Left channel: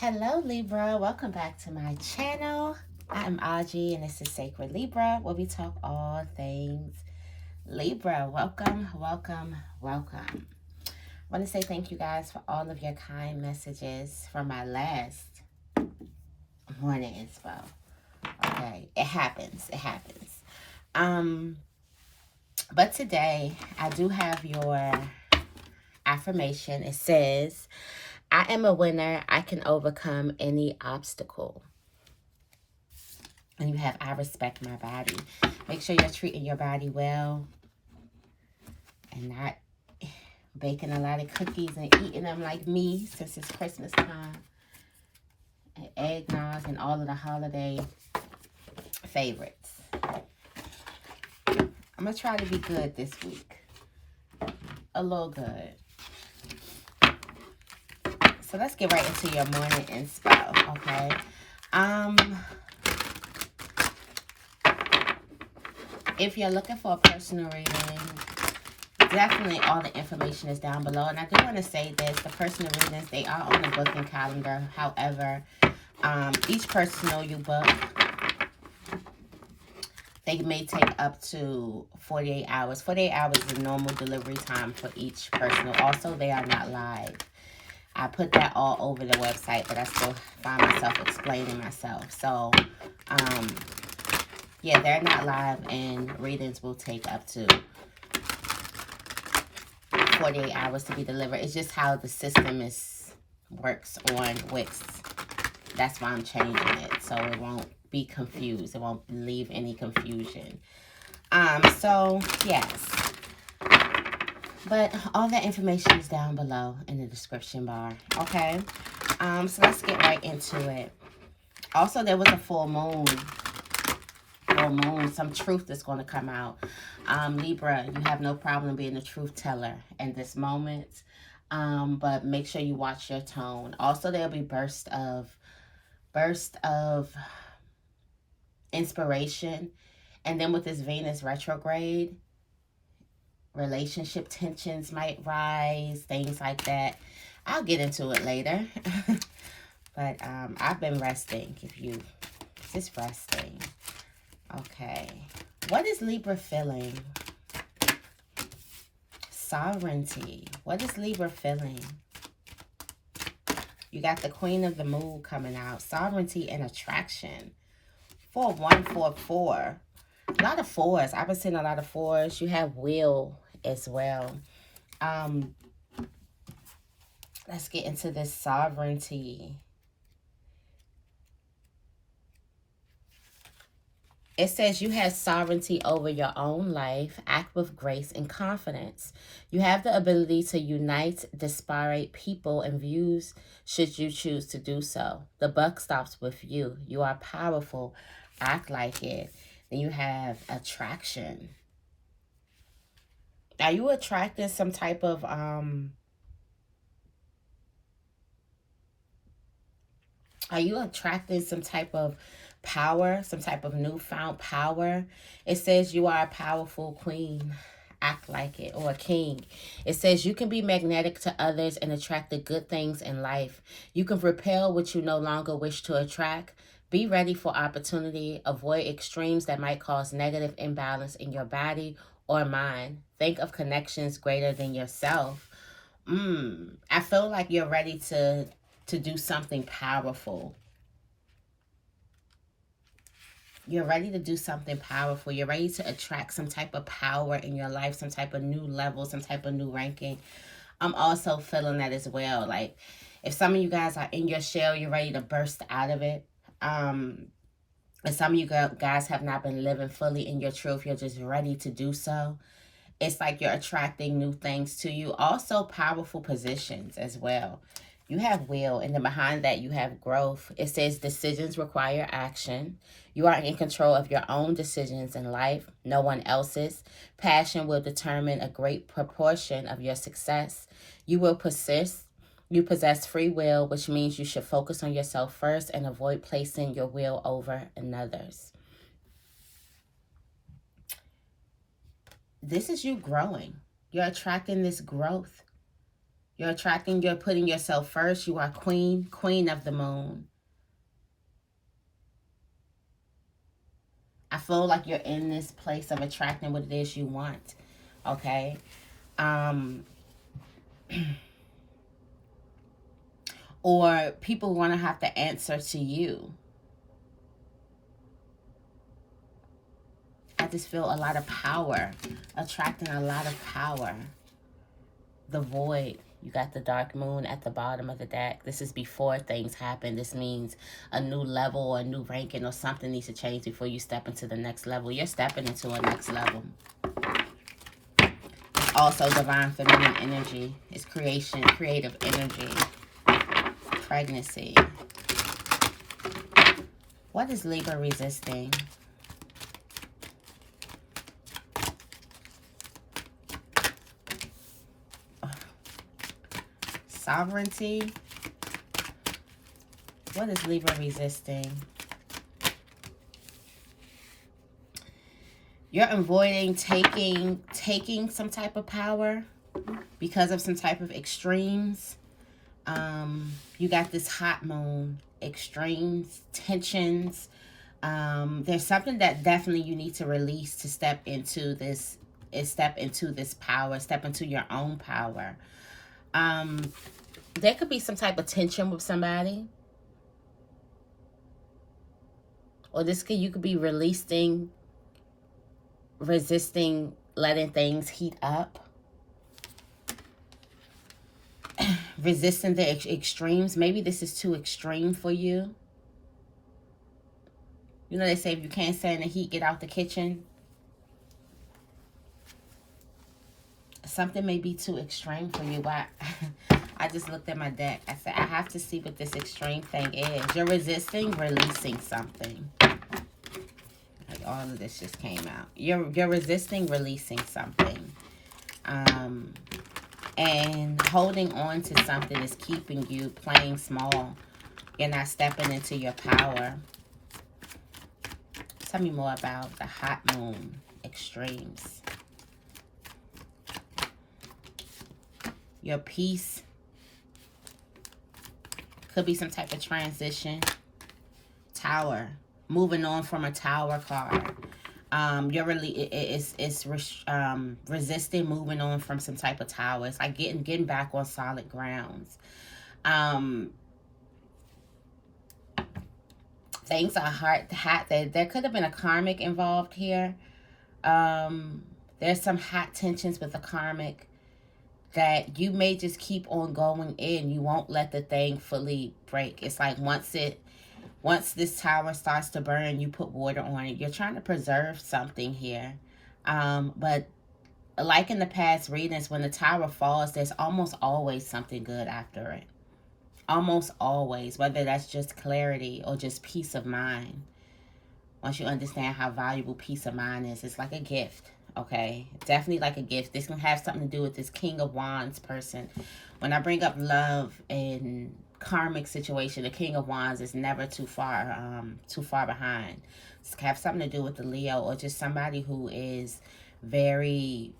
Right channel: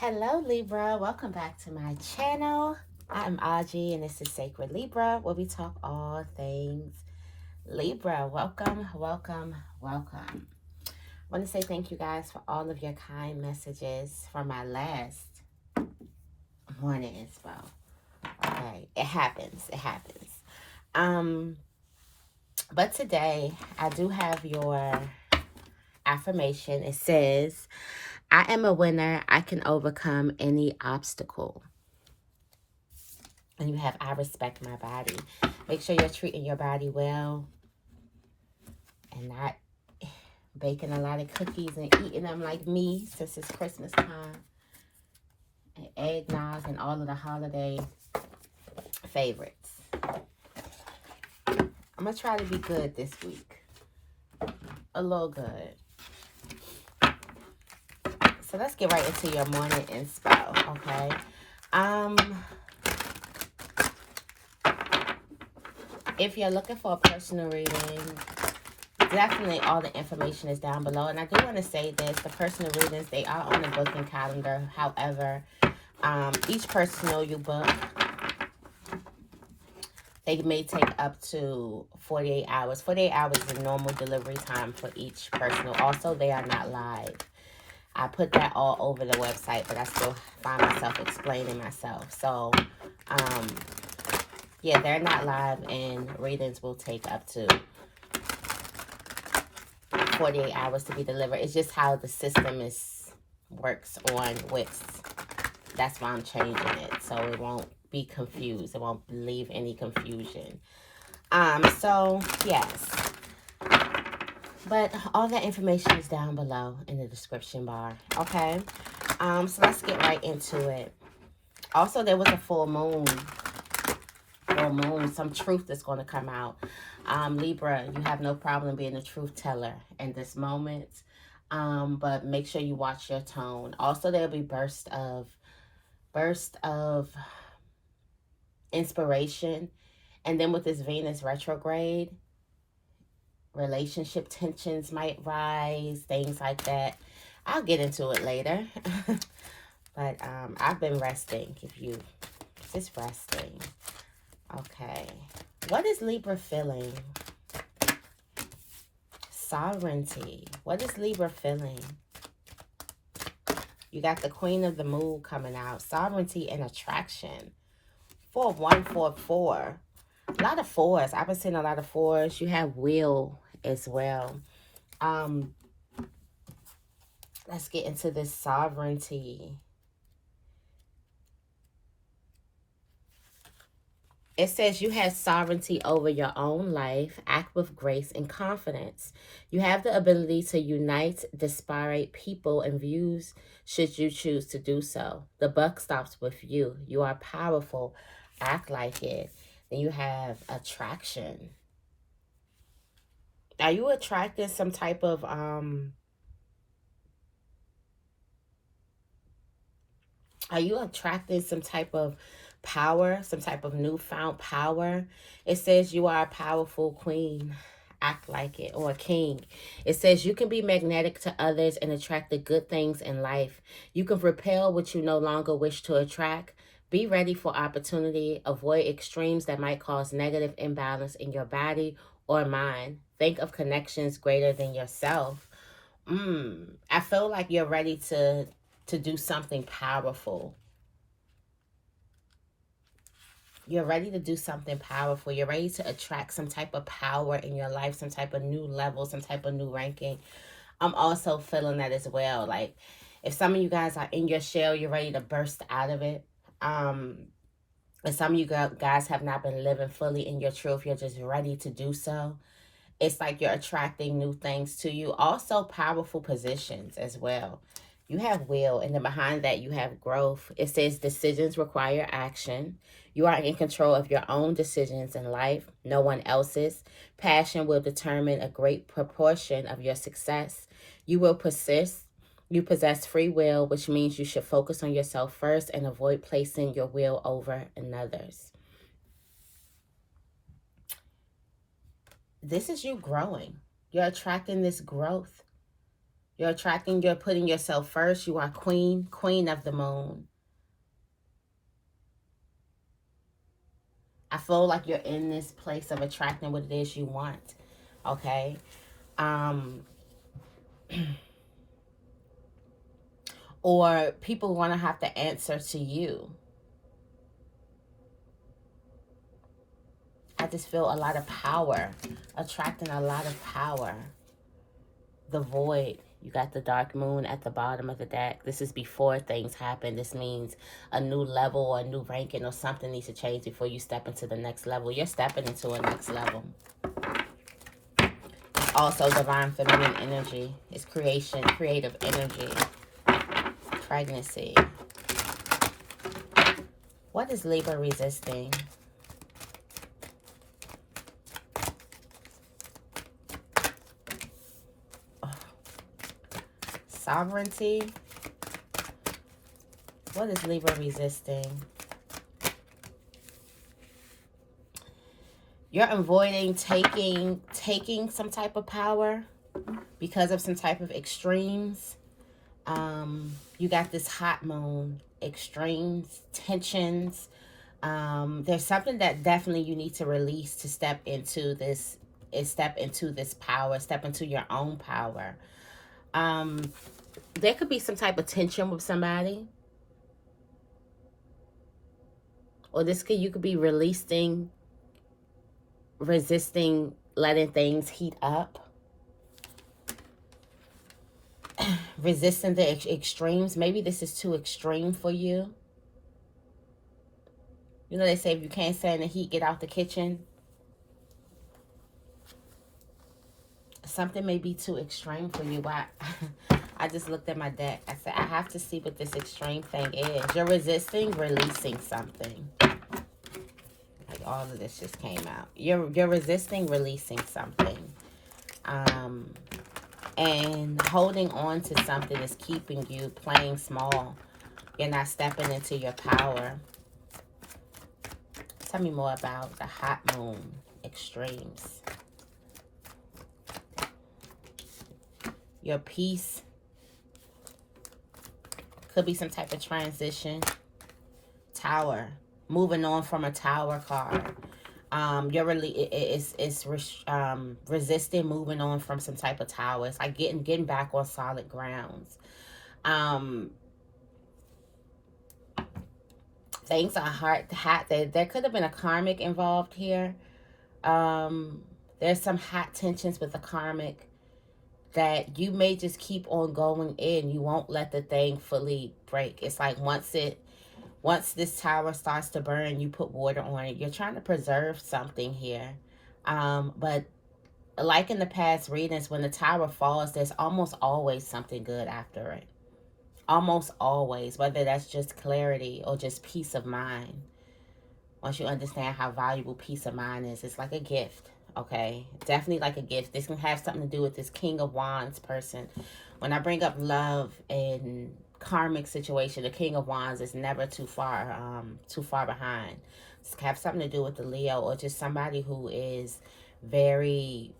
Hello Libra, welcome back to my channel. I'm Auji and this is Sacred Libra, where we talk all things Libra. Welcome, welcome, welcome. I want to say thank you guys for all of your kind messages from my last morning inspo. Okay, it happens. But today I do have your affirmation. It says, I am a winner. I can overcome any obstacle. And you have, I respect my body. Make sure you're treating your body well and not baking a lot of cookies and eating them like me, since it's Christmas time. And eggnog and all of the holiday favorites. I'm going to try to be good this week. A little good. So let's get right into your morning inspo, okay? If you're looking for a personal reading, definitely all the information is down below. And I do want to say this, the personal readings, they are on the booking calendar. However, each personal you book, they may take up to 48 hours. 48 hours is the normal delivery time for each personal. Also, they are not live. I put that all over the website, but I still find myself explaining myself. So, yeah, they're not live, and readings will take up to 48 hours to be delivered. It's just how the system works on Wix. That's why I'm changing it, so it won't be confused. It won't leave any confusion. So, yes. But all that information is down below in the description bar, okay? So let's get right into it. Also, there was a full moon, some truth that's going to come out. Libra, you have no problem being a truth teller in this moment, but make sure you watch your tone. Also, there'll be burst of inspiration, and then with this Venus retrograde, relationship tensions might rise, things like that. I'll get into it later. But I've been resting. Just resting. Okay. What is Libra feeling? Sovereignty. What is Libra feeling? You got the Queen of the Moon coming out. Sovereignty and attraction. 4144. A lot of fours. I've been seeing a lot of fours. You have will as well. Let's get into this sovereignty. It says you have sovereignty over your own life. Act with grace and confidence. You have the ability to unite disparate people and views should you choose to do so. The buck stops with you. You are powerful. Act like it. Then you have attraction. Are you attracting some type of power, some type of newfound power? It says you are a powerful queen. Act like it. Or a king. It says you can be magnetic to others and attract the good things in life. You can repel what you no longer wish to attract. Be ready for opportunity. Avoid extremes that might cause negative imbalance in your body or mind. Think of connections greater than yourself. I feel like you're ready to do something powerful. You're ready to do something powerful. You're ready to attract some type of power in your life, some type of new level, some type of new ranking. I'm also feeling that as well. Like, if some of you guys are in your shell, you're ready to burst out of it. And some of you guys have not been living fully in your truth. You're just ready to do so. It's like you're attracting new things to you. Also, powerful positions as well. You have will, and then behind that, you have growth. It says decisions require action. You are in control of your own decisions in life, no one else's. Passion will determine a great proportion of your success. You will persist. You possess free will, which means you should focus on yourself first and avoid placing your will over another's. This is you growing. You're attracting this growth. You're attracting, you're putting yourself first. You are queen of the moon. I feel like you're in this place of attracting what it is you want. Okay. Or people want to have to answer to you. I just feel a lot of power, attracting a lot of power. The void, you got the dark moon at the bottom of the deck. This is before things happen. This means a new level or a new ranking or something needs to change before you step into the next level. You're stepping into a next level. It's also divine feminine energy. It's creation, creative energy. Pregnancy. What is Libra resisting? Sovereignty. What is Libra resisting? You're avoiding taking some type of power because of some type of extremes. You got this hot moon, extremes, tensions. There's something that definitely you need to release to step into this power, step into your own power. There could be some type of tension with somebody. Or you could be resisting letting things heat up. Resisting the extremes. Maybe this is too extreme for you. You know, they say if you can't stand the heat, get out the kitchen. Something may be too extreme for you. I just looked at my deck. I said, I have to see what this extreme thing is. You're resisting releasing something. Like all of this just came out. You're resisting releasing something. And holding on to something is keeping you playing small. You're not stepping into your power. Tell me more about the hot moon extremes. Your peace. Could be some type of transition. Tower. Moving on from a tower card. You're really resisting moving on from some type of tower. It's like getting back on solid grounds. Things are hot. There could have been a karmic involved here. There's some hot tensions with the karmic that you may just keep on going in. You won't let the thing fully break. It's like once this tower starts to burn, you put water on it. You're trying to preserve something here. But like in the past readings, when the tower falls, there's almost always something good after it. Almost always, whether that's just clarity or just peace of mind. Once you understand how valuable peace of mind is, it's like a gift. Okay, definitely like a gift. This can have something to do with this King of Wands person. When I bring up love and karmic situation, the King of Wands is never too far behind. This can have something to do with the Leo or just somebody who is very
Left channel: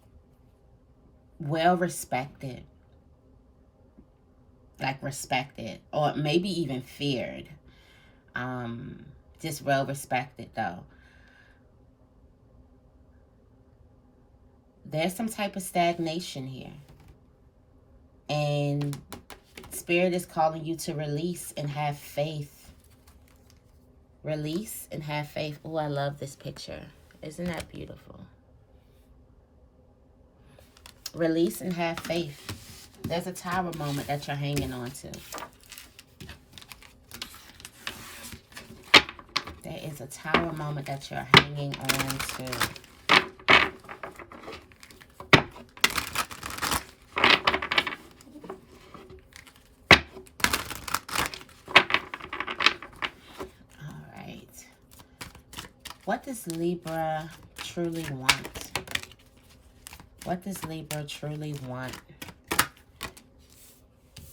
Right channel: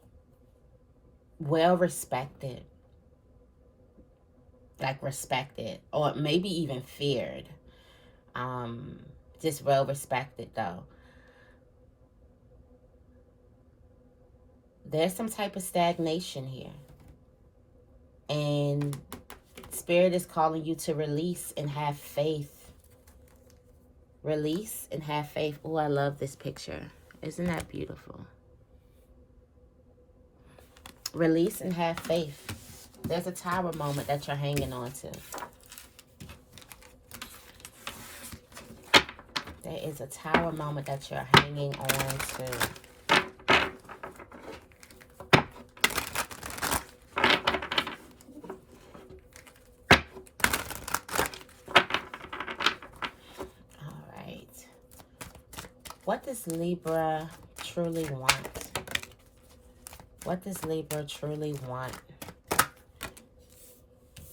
well respected, like respected, or maybe even feared. Just well respected though. There's some type of stagnation here. And Spirit is calling you to release and have faith. Release and have faith. Oh, I love this picture. Isn't that beautiful? Release and have faith. There's a tower moment that you're hanging on to. There is a tower moment that you're hanging on to. What does Libra truly want? What does Libra truly want?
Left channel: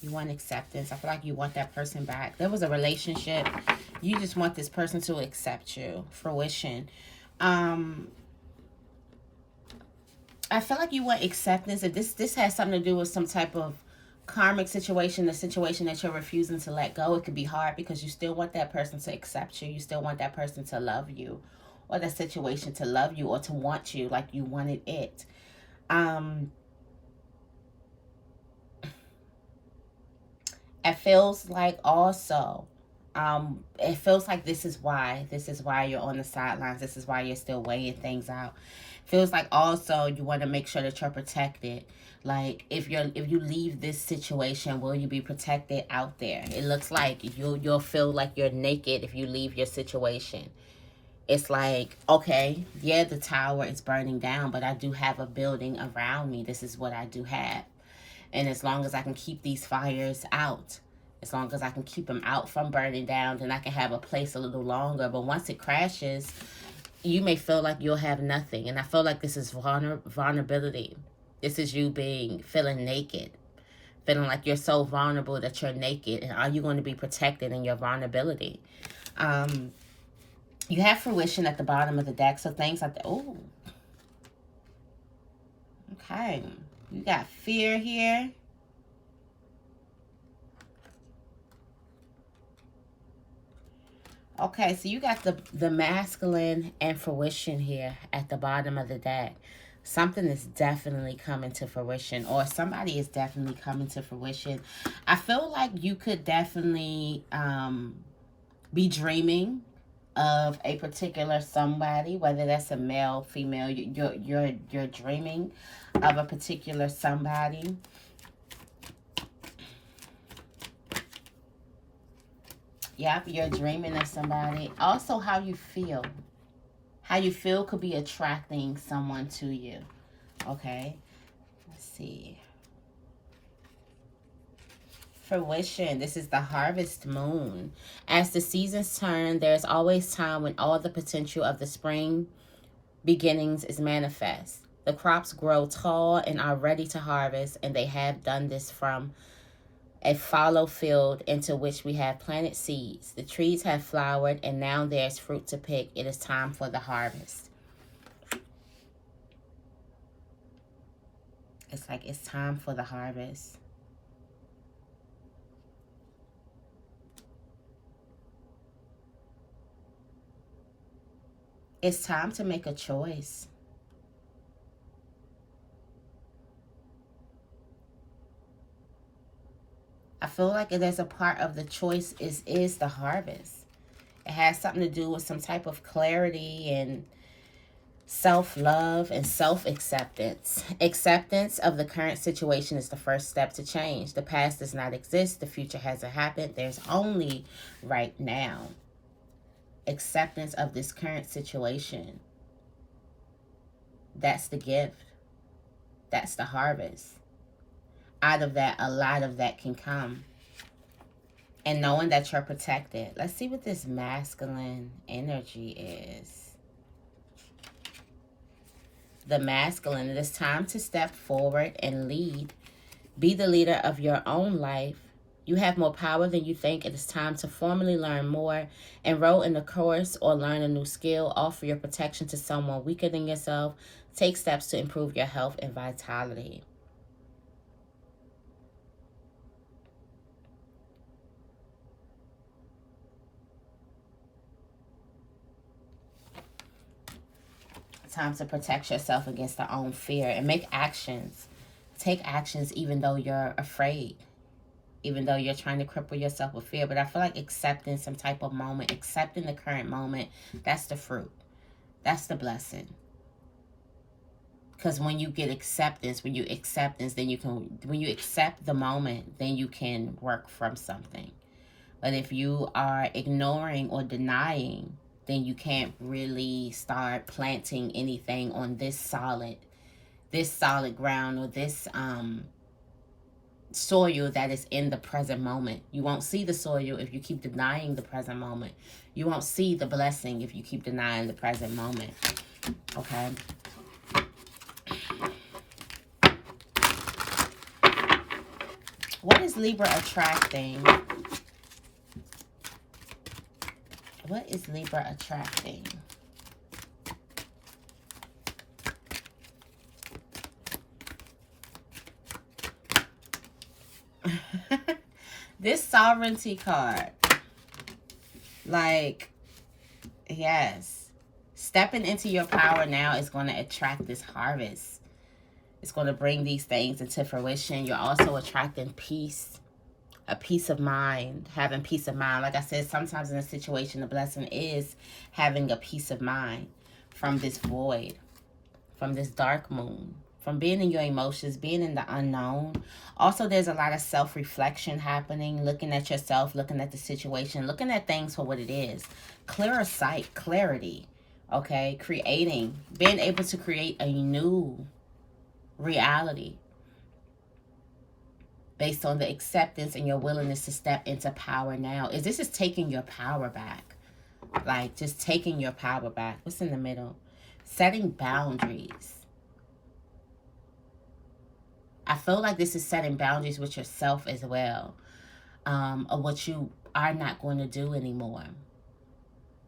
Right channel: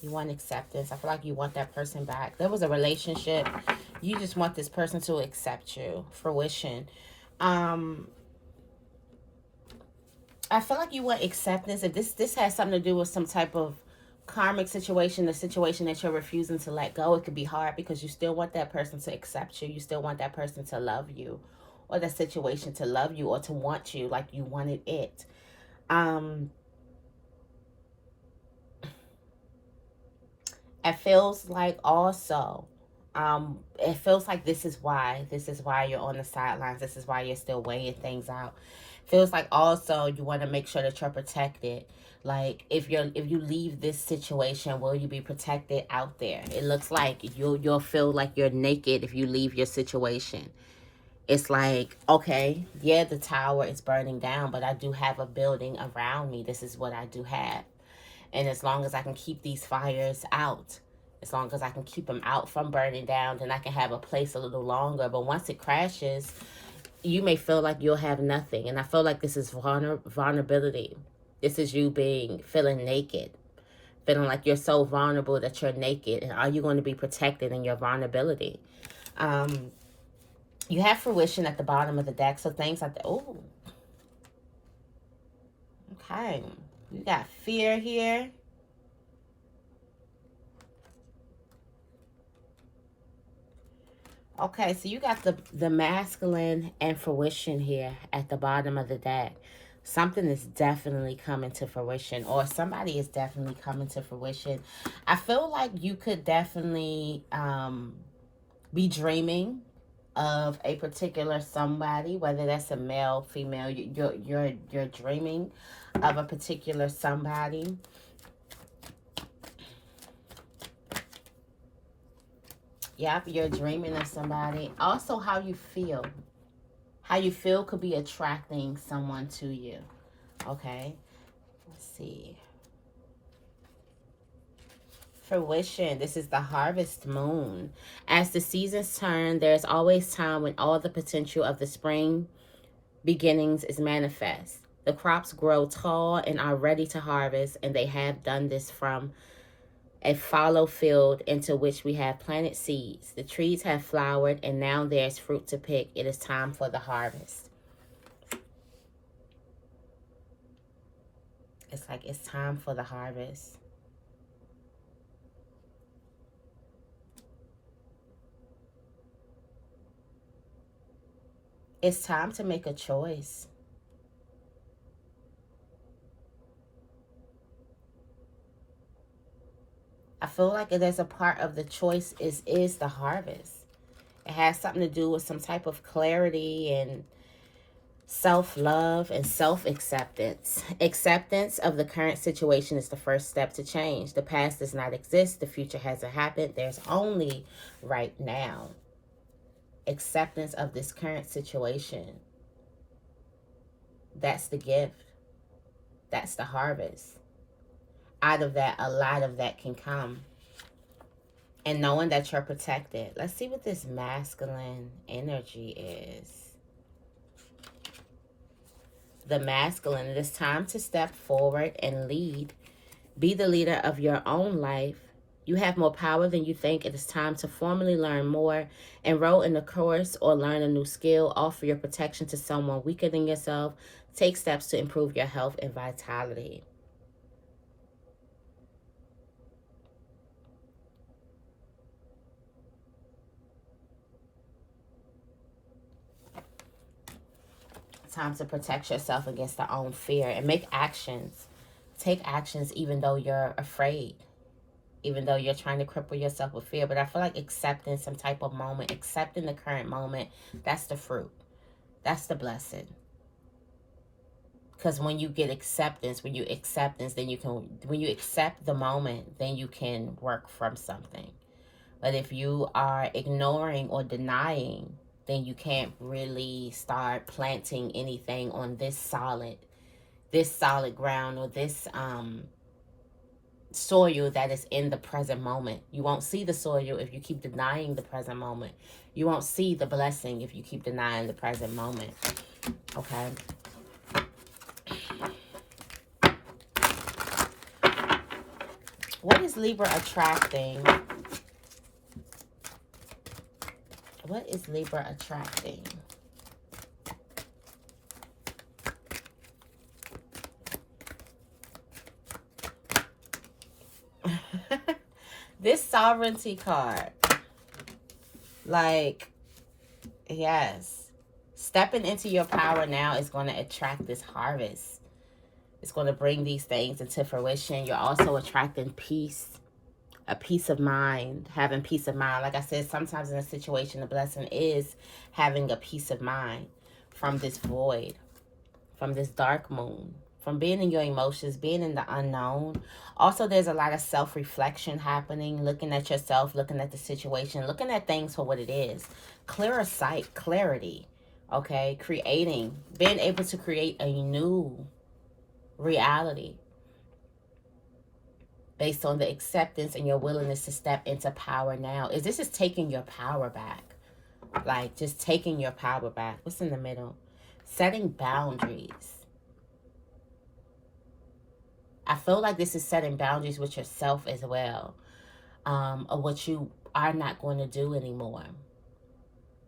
You want acceptance. I feel like you want that person back. There was a relationship. You just want this person to accept you. Fruition. I feel like you want acceptance. If this has something to do with some type of karmic situation, the situation that you're refusing to let go, it could be hard because you still want that person to accept you. You still want that person to love you, or the situation to love you, or to want you like you wanted it. It feels like also, it feels like this is why you're on the sidelines. This is why you're still weighing things out. Feels like also you want to make sure that you're protected. Like if you leave this situation, will you be protected out there? It looks like you'll feel like you're naked if you leave your situation. It's like, okay, yeah, the tower is burning down, but I do have a building around me. This is what I do have. And as long as I can keep these fires out, as long as I can keep them out from burning down, then I can have a place a little longer. But once it crashes, you may feel like you'll have nothing. And I feel like this is vulnerability. This is you feeling naked, feeling like you're so vulnerable that you're naked. And are you going to be protected in your vulnerability? You have fruition at the bottom of the deck. So things like that. Oh, okay. You got fear here. Okay, so you got the masculine and fruition here at the bottom of the deck. Something is definitely coming to fruition, or somebody is definitely coming to fruition. I feel like you could definitely be dreaming of a particular somebody, whether that's a male, female. You're dreaming of a particular somebody. Yep, you're dreaming of somebody. Also, how you feel. How you feel could be attracting someone to you. Okay, let's see. Fruition. This is the harvest moon. As the seasons turn, there's always time when all the potential of the spring beginnings is manifest. The crops grow tall and are ready to harvest, and they have done this from a fallow field into which we have planted seeds. The trees have flowered, and now there's fruit to pick. It is time for the harvest. It's like it's time for the harvest. It's time to make a choice. I feel like there's a part of the choice is the harvest. It has something to do with some type of clarity and self-love and self-acceptance. Acceptance of the current situation is the first step to change. The past does not exist. The future hasn't happened. There's only right now. Acceptance of this current situation. That's the gift. That's the harvest. Out of that, a lot of that can come. And knowing that you're protected. Let's see what this masculine energy is. The masculine, it is time to step forward and lead. Be the leader of your own life. You have more power than you think. It is time to formally learn more. Enroll in a course or learn a new skill. Offer your protection to someone weaker than yourself. Take steps to improve your health and vitality. Time to protect yourself against their own fear and make actions. Take actions even though you're afraid. Even though you're trying to cripple yourself with fear. But I feel like accepting some type of moment, accepting the current moment, that's the fruit. That's the blessing. Because when you get acceptance, then when you accept the moment, then you can work from something. But if you are ignoring or denying, then you can't really start planting anything on this solid ground, or this soil that is in the present moment. You won't see the soil if you keep denying the present moment. You won't see the blessing if you keep denying the present moment. Okay. What is Libra attracting? What is Libra attracting? Sovereignty card. Like, yes. Stepping into your power now is going to attract this harvest. It's going to bring these things into fruition. You're also attracting peace, a peace of mind, having peace of mind. Like I said, sometimes in a situation, the blessing is having a peace of mind from this void, from this dark moon, from being in your emotions, being in the unknown. Also, there's a lot of self-reflection happening, looking at yourself, looking at the situation, looking at things for what it is. Clearer sight, clarity, okay? Creating, being able to create a new reality based on the acceptance and your willingness to step into power now. This is taking your power back. Like, just taking your power back. What's in the middle? Setting boundaries. I feel like this is setting boundaries with yourself as well, of what you are not going to do anymore.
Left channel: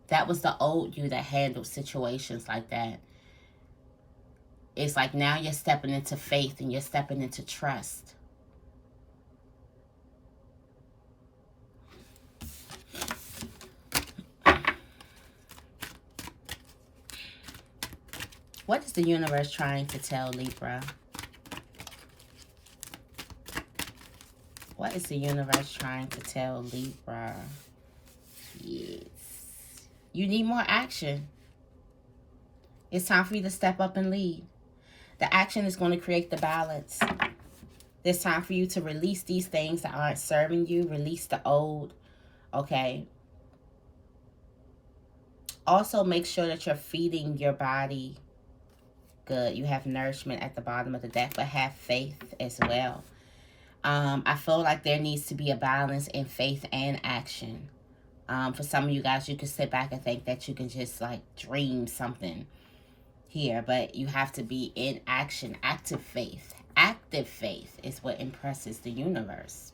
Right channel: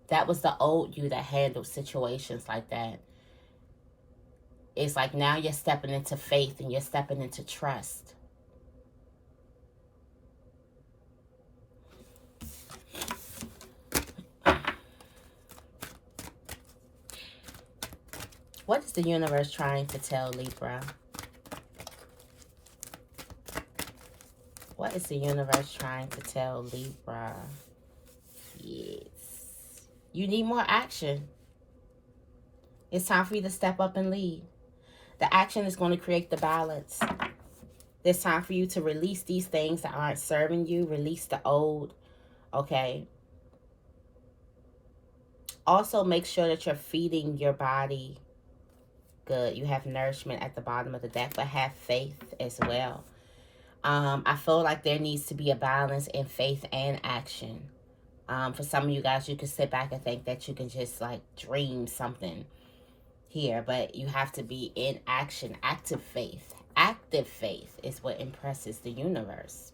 That was the old you that handled situations like that. It's like now you're stepping into faith and you're stepping into trust. What is the universe trying to tell Libra? What is the universe trying to tell Libra? Yes. You need more action. It's time for you to step up and lead. The action is going to create the balance. It's time for you to release these things that aren't serving you. Release the old. Okay. Also, make sure that you're feeding your body good. You have nourishment at the bottom of the deck, but have faith as well. I feel like there needs to be a balance in faith and action. For some of you guys, you can sit back and think that you can just like dream something here, but you have to be in action. Active faith. Active faith is what impresses the universe.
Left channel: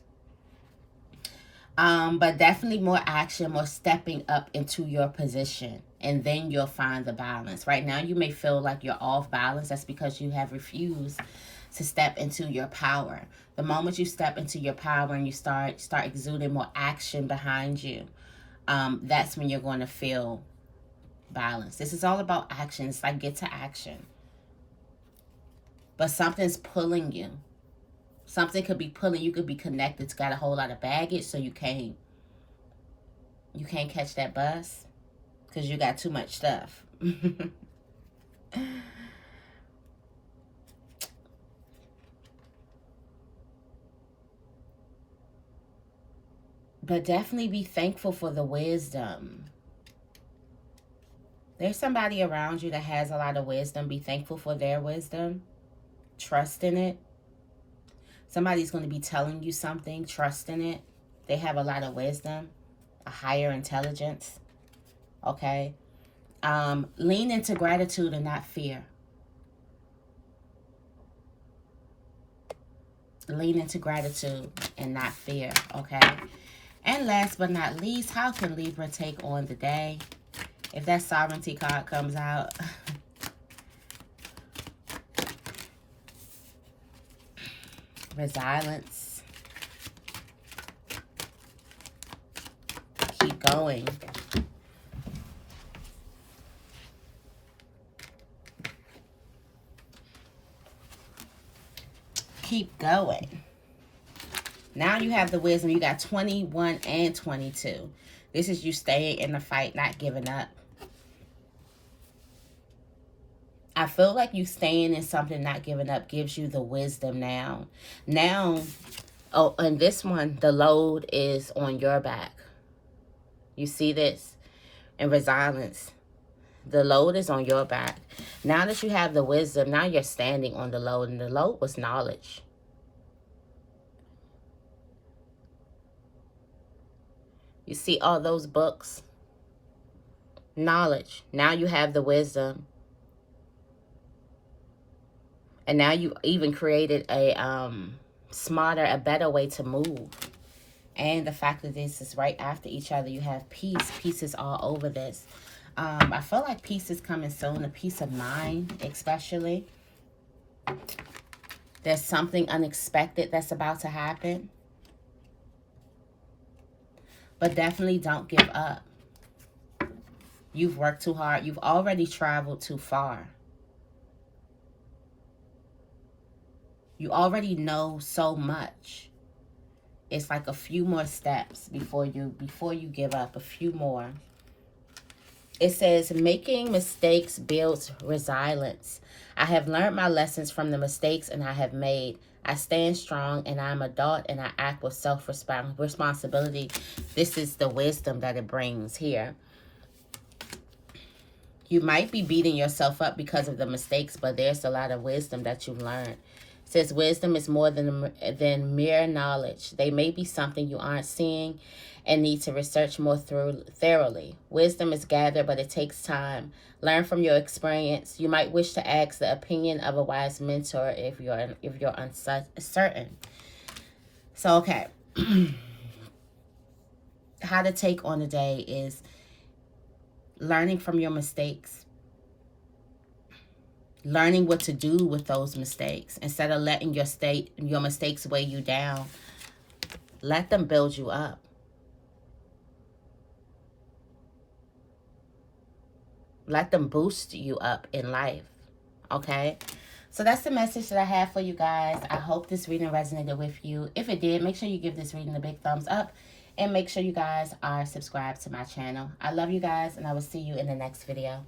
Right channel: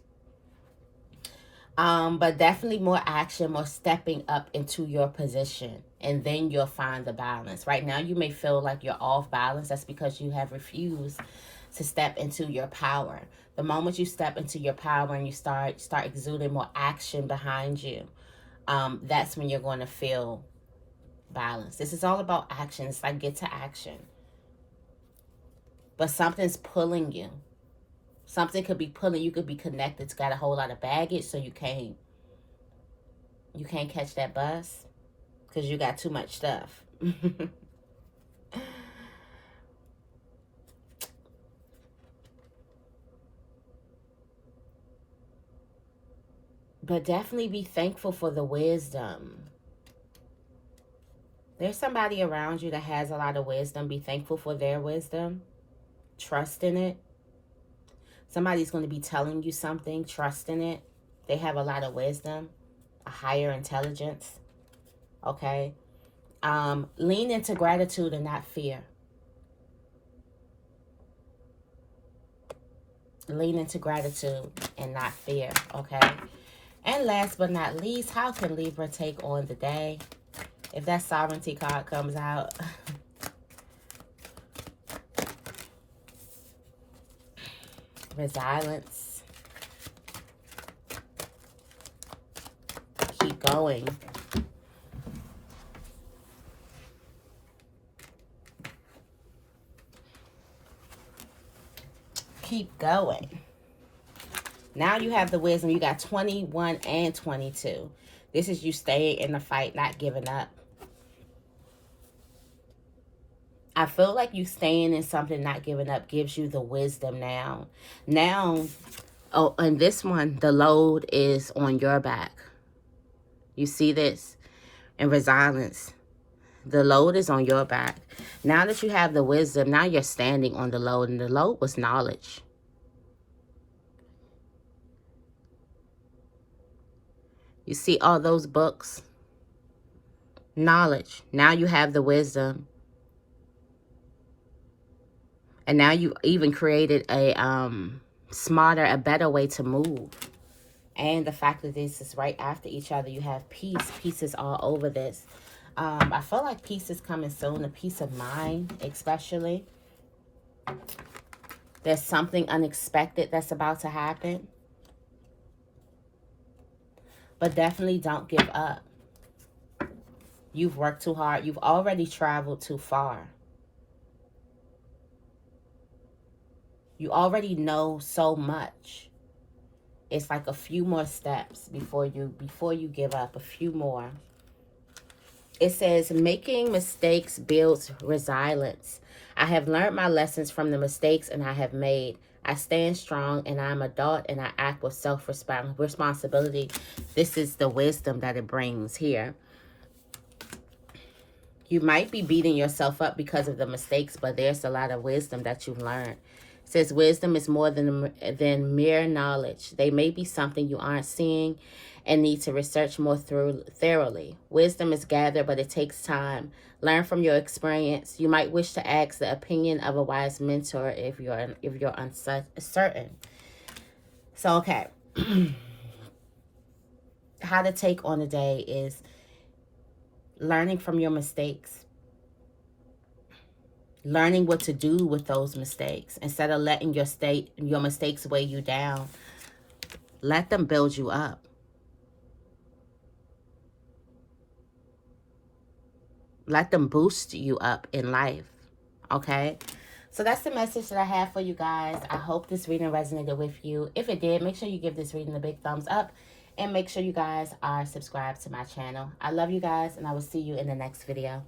But definitely more action, more stepping up into your position, and then you'll find the balance. Right now, you may feel like you're off balance. That's because you have refused to step into your power. The moment you step into your power and you start exuding more action behind you, that's when you're going to feel balance. This is all about action. It's like get to action. But something's pulling you. Something could be pulling. You could be connected. It's got a whole lot of baggage, so you can't catch that bus because you got too much stuff. But definitely be thankful for the wisdom. There's somebody around you that has a lot of wisdom. Be thankful for their wisdom. Trust in it. Somebody's going to be telling you something. Trust in it. They have a lot of wisdom, a higher intelligence. Okay? Lean into gratitude and not fear. Lean into gratitude and not fear. Okay? And last but not least, how can Libra take on the day? If that sovereignty card comes out. Resilience. Keep going. Keep going. Now you have the wisdom. You got 21 and 22. This is you staying in the fight, not giving up. I feel like you staying in something, not giving up, gives you the wisdom now. Now, oh, and this one, the load is on your back. You see this? And resilience. The load is on your back. Now that you have the wisdom, now you're standing on the load. And the load was knowledge. You see all those books? Knowledge. Now you have the wisdom. And now you even created a smarter, a better way to move. And the fact that this is right after each other, you have peace. Peace is all over this. I feel like peace is coming soon. A peace of mind, especially. There's something unexpected that's about to happen. But definitely don't give up. You've worked too hard. You've already traveled too far. You already know so much. It's like a few more steps before you give up. A few more. It says, making mistakes builds resilience. I have learned my lessons from the mistakes and I have made. I stand strong and I'm adult and I act with self-responsibility. This is the wisdom that it brings here. You might be beating yourself up because of the mistakes, but there's a lot of wisdom that you've learned. It says wisdom is more than mere knowledge. They may be something you aren't seeing and need to research more thoroughly. Wisdom is gathered, but it takes time. Learn from your experience. You might wish to ask the opinion of a wise mentor if you're uncertain. So, okay. How to take on the day is learning from your mistakes. Learning what to do with those mistakes. Instead of letting your mistakes weigh you down, let them build you up. Let them boost you up in life. Okay? So that's the message that I have for you guys. I hope this reading resonated with you. If it did, make sure you give this reading a big thumbs up. And make sure you guys are subscribed to my channel. I love you guys, and I will see you in the next video.